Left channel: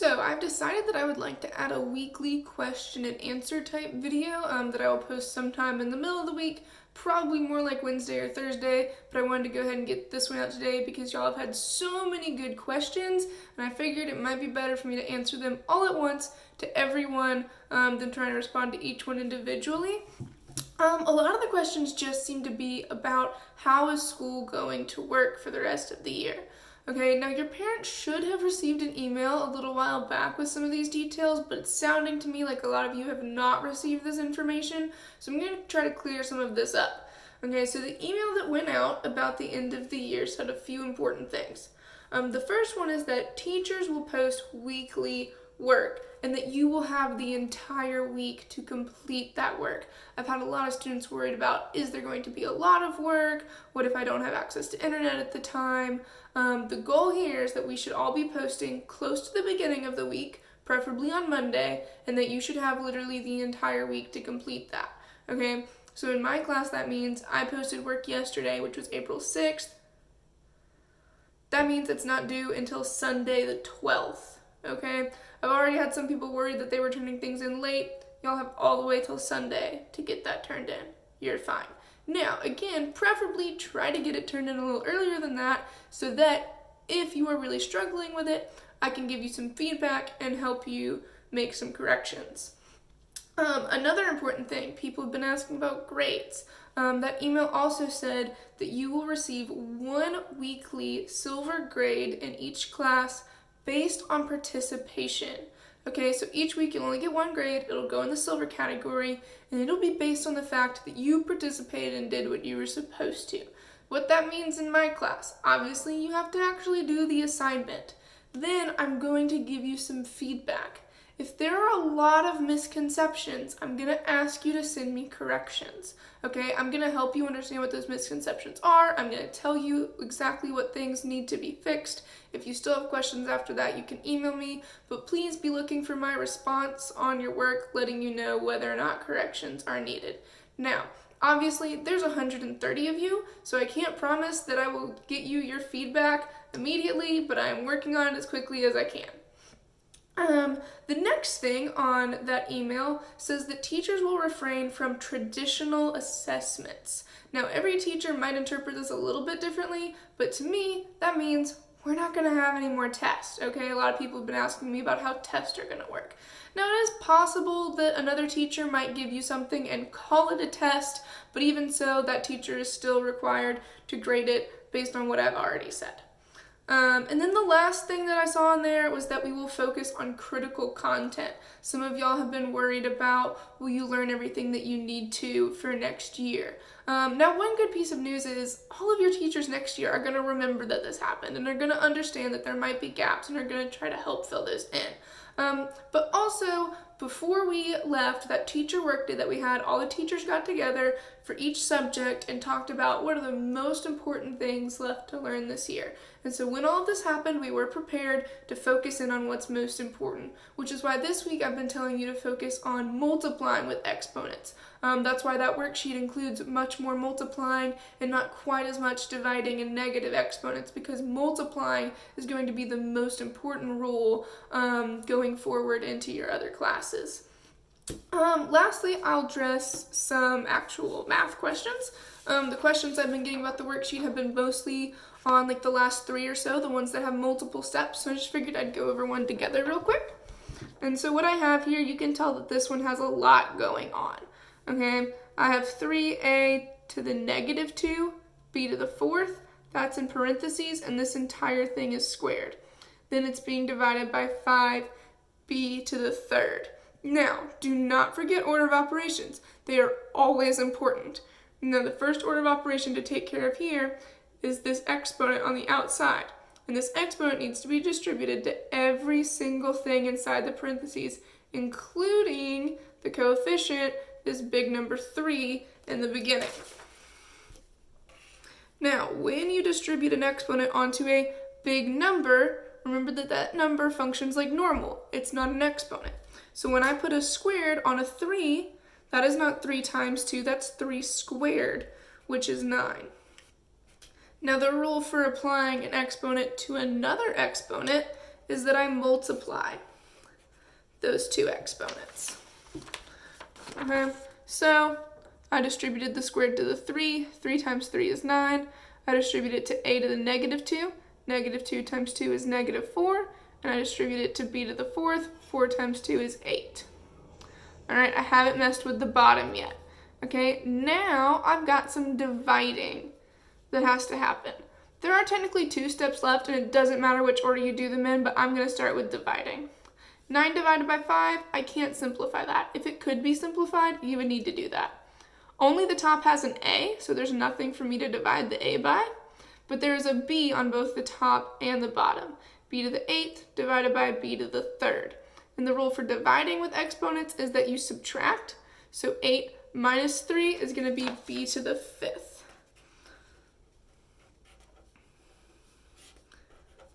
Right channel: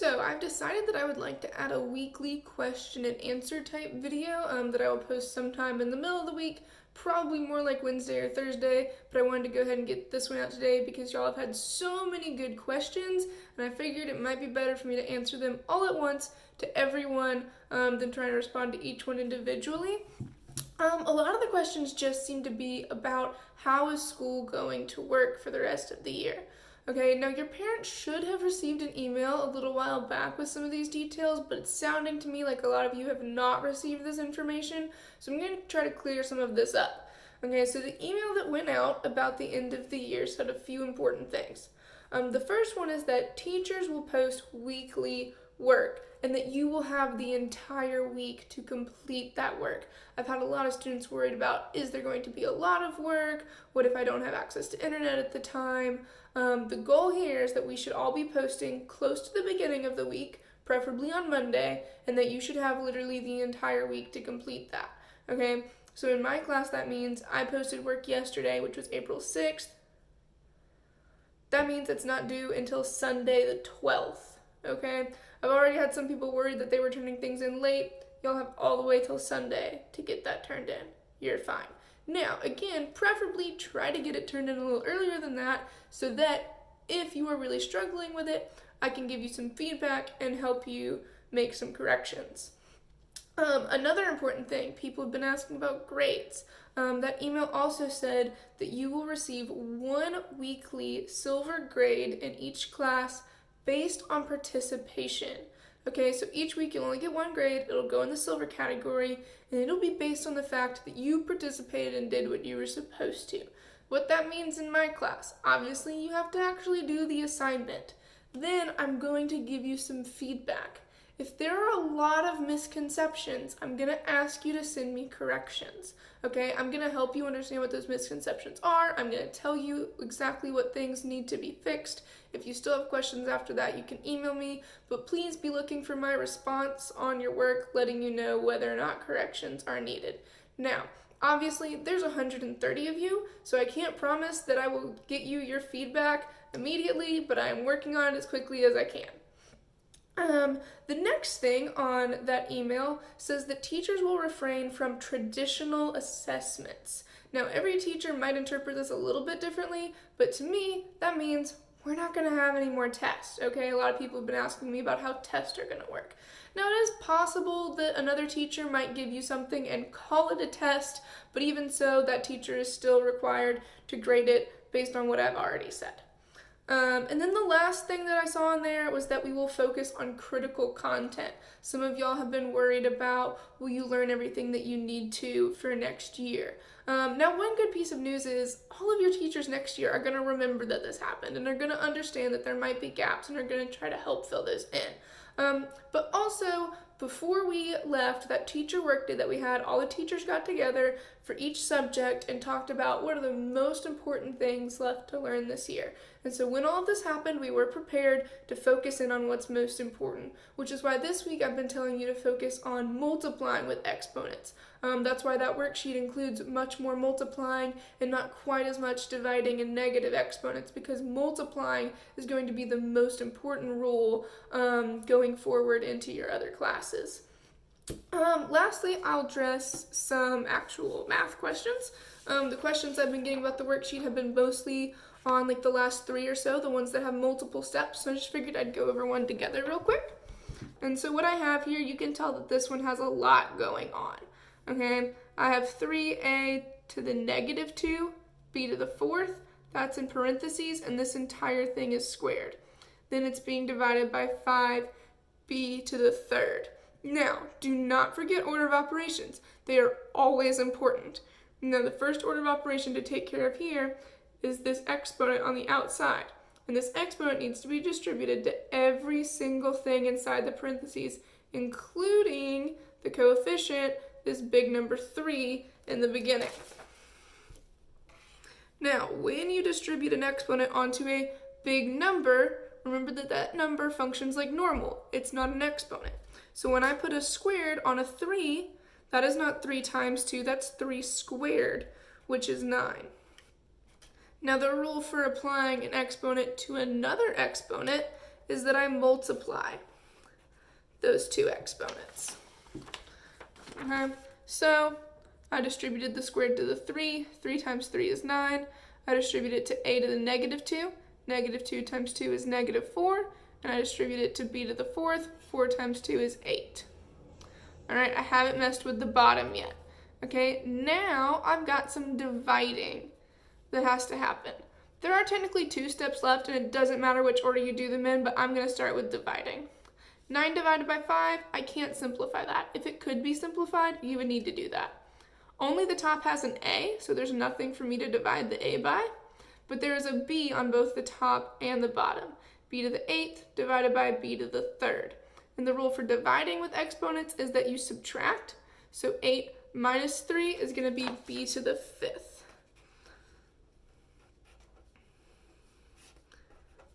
So I've decided that I would like to add a weekly question and answer type video that I will post sometime in the middle of the week, probably more like Wednesday or Thursday, but I wanted to go ahead and get this one out today because y'all have had so many good questions, and I figured it might be better for me to answer them all at once to everyone than trying to respond to each one individually. A lot of the questions just seem to be about how is school going to work for the rest of the year. Okay, now your parents should have received an email a little while back with some of these details, but it's sounding to me like a lot of you have not received this information, so I'm going to try to clear some of this up. Okay, so the email that went out about the end of the year said a few important things. The first one is that teachers will post weekly work and that you will have the entire week to complete that work. I've had a lot of students worried about, is there going to be a lot of work? What if I don't have access to internet at the time? The goal here is that we should all be posting close to the beginning of the week, preferably on Monday, and that you should have literally the entire week to complete that. Okay, so in my class that means I posted work yesterday, which was April 6th. That means it's not due until Sunday the 12th. Okay, I've already had some people worried that they were turning things in late. Y'all have all the way till Sunday to get that turned in. You're fine. Now, again, preferably try to get it turned in a little earlier than that so that if you are really struggling with it, I can give you some feedback and help you make some corrections. Another important thing, people have been asking about grades. That email also said that you will receive one weekly silver grade in each class based on participation. Okay, so each week you'll only get one grade, it'll go in the silver category, and it'll be based on the fact that you participated and did what you were supposed to. What that means in my class, obviously you have to actually do the assignment. Then I'm going to give you some feedback. If there are a lot of misconceptions, I'm going to ask you to send me corrections, okay? I'm going to help you understand what those misconceptions are. I'm going to tell you exactly what things need to be fixed. If you still have questions after that, you can email me, but please be looking for my response on your work, letting you know whether or not corrections are needed. Now, obviously, there's 130 of you, so I can't promise that I will get you your feedback immediately, but I am working on it as quickly as I can. The next thing on that email says that teachers will refrain from traditional assessments. Now, every teacher might interpret this a little bit differently, but to me, that means we're not going to have any more tests, okay? A lot of people have been asking me about how tests are going to work. Now, it is possible that another teacher might give you something and call it a test, but even so, that teacher is still required to grade it based on what I've already said. And then the last thing that I saw in there was that we will focus on critical content. Some of y'all have been worried about, will you learn everything that you need to for next year? Now, one good piece of news is all of your teachers next year are going to remember that this happened and are going to understand that there might be gaps and are going to try to help fill those in. But also, before we left, that teacher work day that we had, all the teachers got together for each subject and talked about what are the most important things left to learn this year. And so when all of this happened, we were prepared to focus in on what's most important, which is why this week I've been telling you to focus on multiplying with exponents. That's why that worksheet includes much more multiplying and not quite as much dividing and negative exponents, because multiplying is going to be the most important rule going forward into your other classes. Lastly, I'll address some actual math questions. The questions I've been getting about the worksheet have been mostly on like the last 3 or so, the ones that have multiple steps, so I just figured I'd go over one together real quick. And so what I have here, you can tell that this one has a lot going on. Okay, I have 3a to the negative 2, b to the 4th, that's in parentheses, and this entire thing is squared. Then it's being divided by 5b to the 3rd. Now, do not forget order of operations. They are always important. Now, the first order of operation to take care of here is this exponent on the outside. And this exponent needs to be distributed to every single thing inside the parentheses, including the coefficient, this big number 3 in the beginning. Now, when you distribute an exponent onto a big number, remember that that number functions like normal. It's not an exponent. So when I put a squared on a 3, that is not 3 times 2, that's 3 squared, which is 9. Now the rule for applying an exponent to another exponent is that I multiply. those two exponents. Okay, so I distributed the squared to the 3. 3 times 3 is 9. I distribute it to a to the negative 2. Negative 2 times 2 is negative 4. And I distribute it to b to the 4th. 4 times 2 is 8. All right, I haven't messed with the bottom yet. Okay, now I've got some dividing that has to happen. There are technically 2 steps left, and it doesn't matter which order you do them in, but I'm going to start with dividing. 9 divided by 5, I can't simplify that. If it could be simplified, you would need to do that. Only the top has an a, so there's nothing for me to divide the a by, but there is a b on both the top and the bottom. B to the 8th divided by b to the 3rd. And the rule for dividing with exponents is that you subtract, so 8 minus 3 is going to be b to the 5th.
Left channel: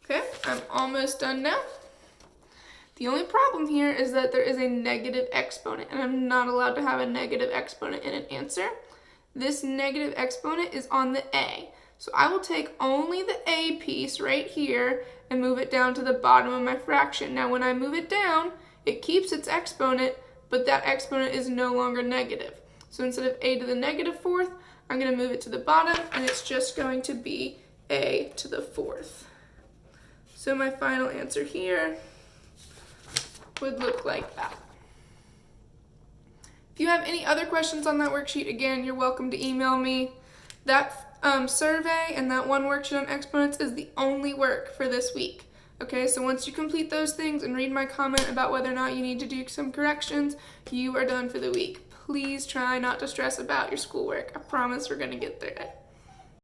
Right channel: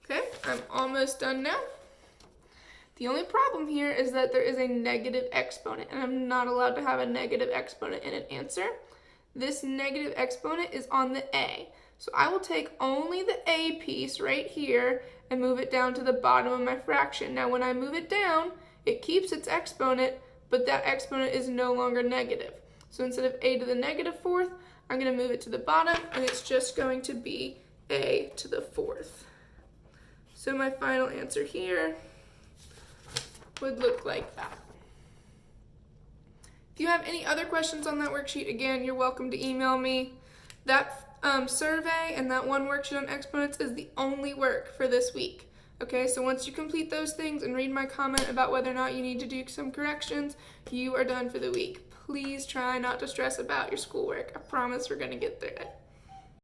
Okay, I'm almost done now. The only problem here is that there is a negative exponent, and I'm not allowed to have a negative exponent in an answer. This negative exponent is on the a. So I will take only the a piece right here and move it down to the bottom of my fraction. Now when I move it down, it keeps its exponent, but that exponent is no longer negative. So instead of a to the negative 4th, I'm going to move it to the bottom, and it's just going to be a to the 4th. So my final answer here would look like that. If you have any other questions on that worksheet, again, you're welcome to email me. That survey and that one worksheet on exponents is the only work for this week. Okay, so once you complete those things and read my comment about whether or not you need to do some corrections, you are done for the week. Please try not to stress about your schoolwork. I promise we're going to get through it.